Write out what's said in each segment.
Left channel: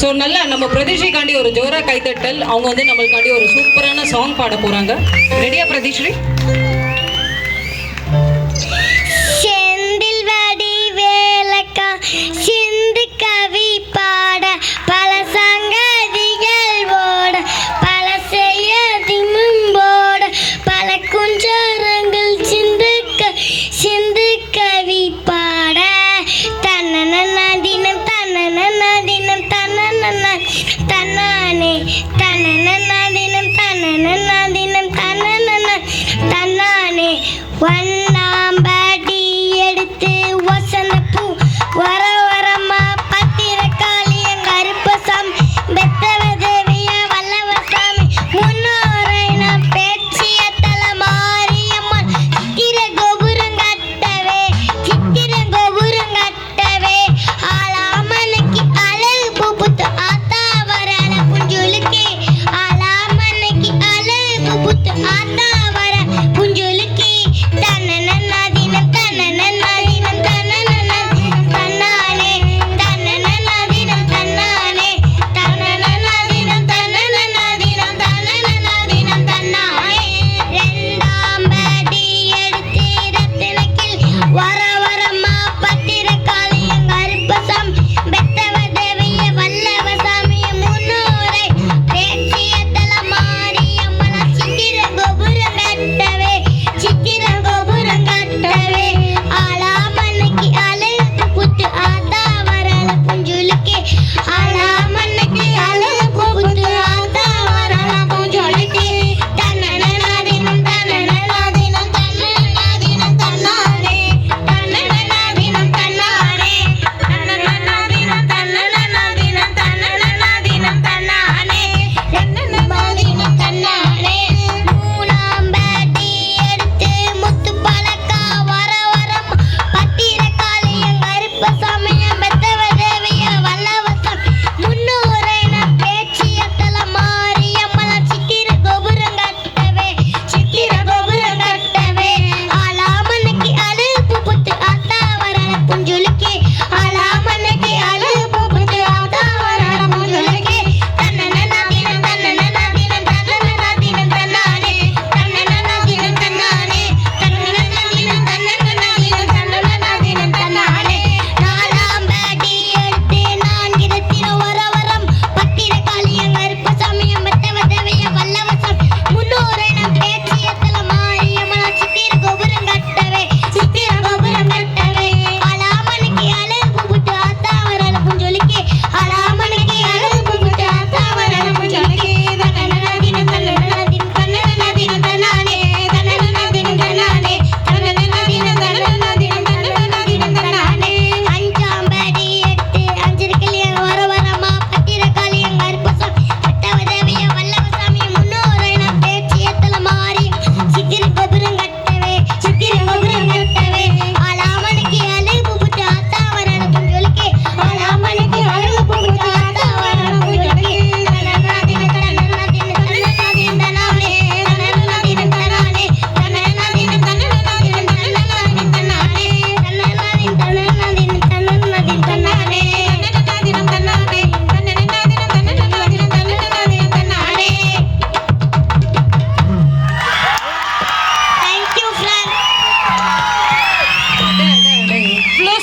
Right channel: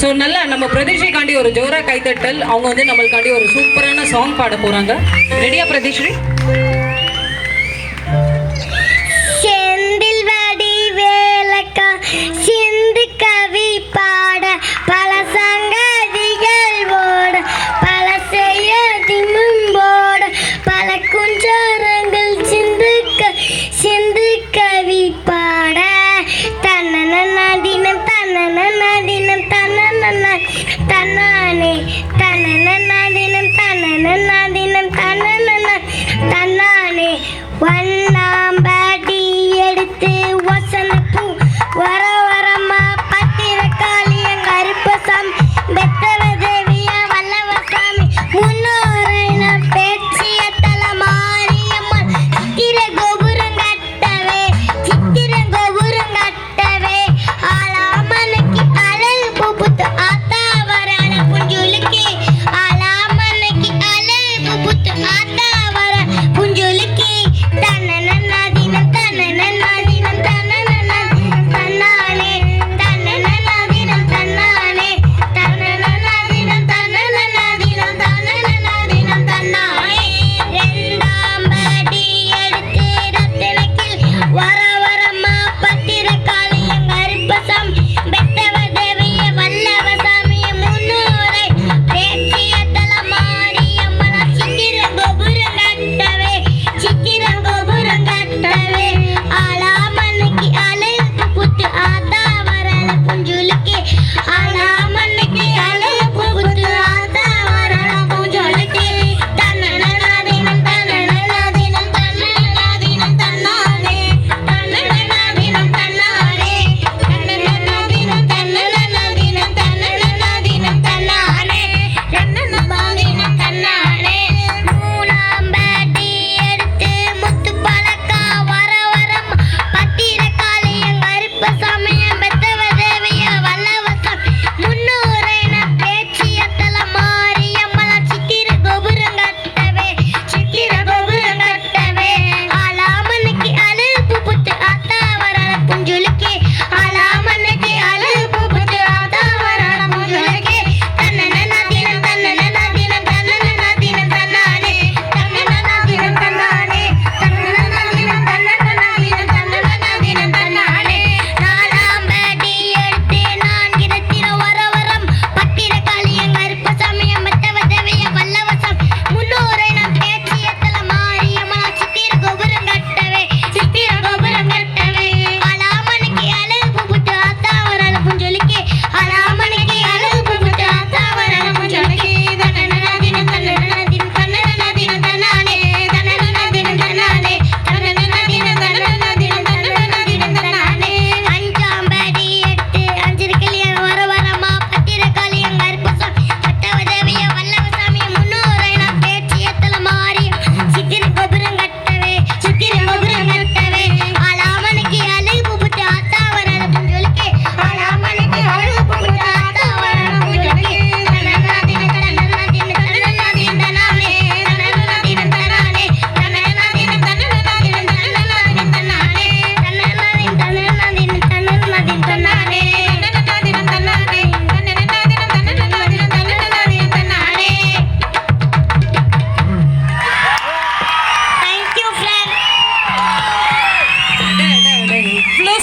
So நல்லா நம்ம பிரதிஷ்ரீகாண்டி ஒரு ஜோரா கைத்தட்டல். அவங்க வந்து நம்மளுக்காண்டி ஒரு சூப்பரான சாங் பாட போறாங்க. ரெடியா பிரதிஷ்ரீ? செந்தில் வடி வேலக்கா சிந்து கவி பாட பல சங்கதிகள் ஓட பல செய்ய திமும்போட பல குஞ்சாரங்கள் சிந்து கவி பாட தன்னன தினம் தன்னன தினம் தன்னானே தன்னன தினம் தன்னானே வண்ணாம்படி எடுத்து வசனப்பூ வர வரமா பத்திரக்காளி கருப்பசாமி பெத்தவதேவிய வல்லவசாமி முன்னோரை நான் பேச்சிய தல மாரியம்மன் சித்திர கோபுரம் கட்டவே ஆளாமனைக்கு அழகு புபுத்து ஆத்தா வரான புஞ்சுலுக்கி ஆளாமனைக்கு அழகு புபுத்து ஆத்தா வர புஞ்சுலுக்கி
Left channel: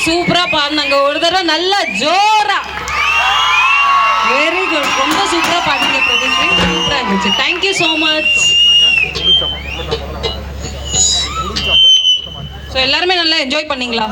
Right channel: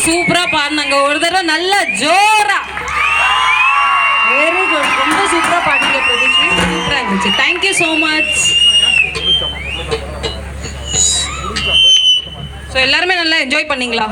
சூப்பரா பாடினாங்க. ஒரு தடவை நல்லா ஜோரா. Very good. ரொம்ப சூப்பரா பாடிங்க பிரதிஷ்ரீ. சூப்பரா இருந்துச்சு. Thank you so much. ஸோ எல்லாருமே நல்லா என்ஜாய் பண்ணீங்களா?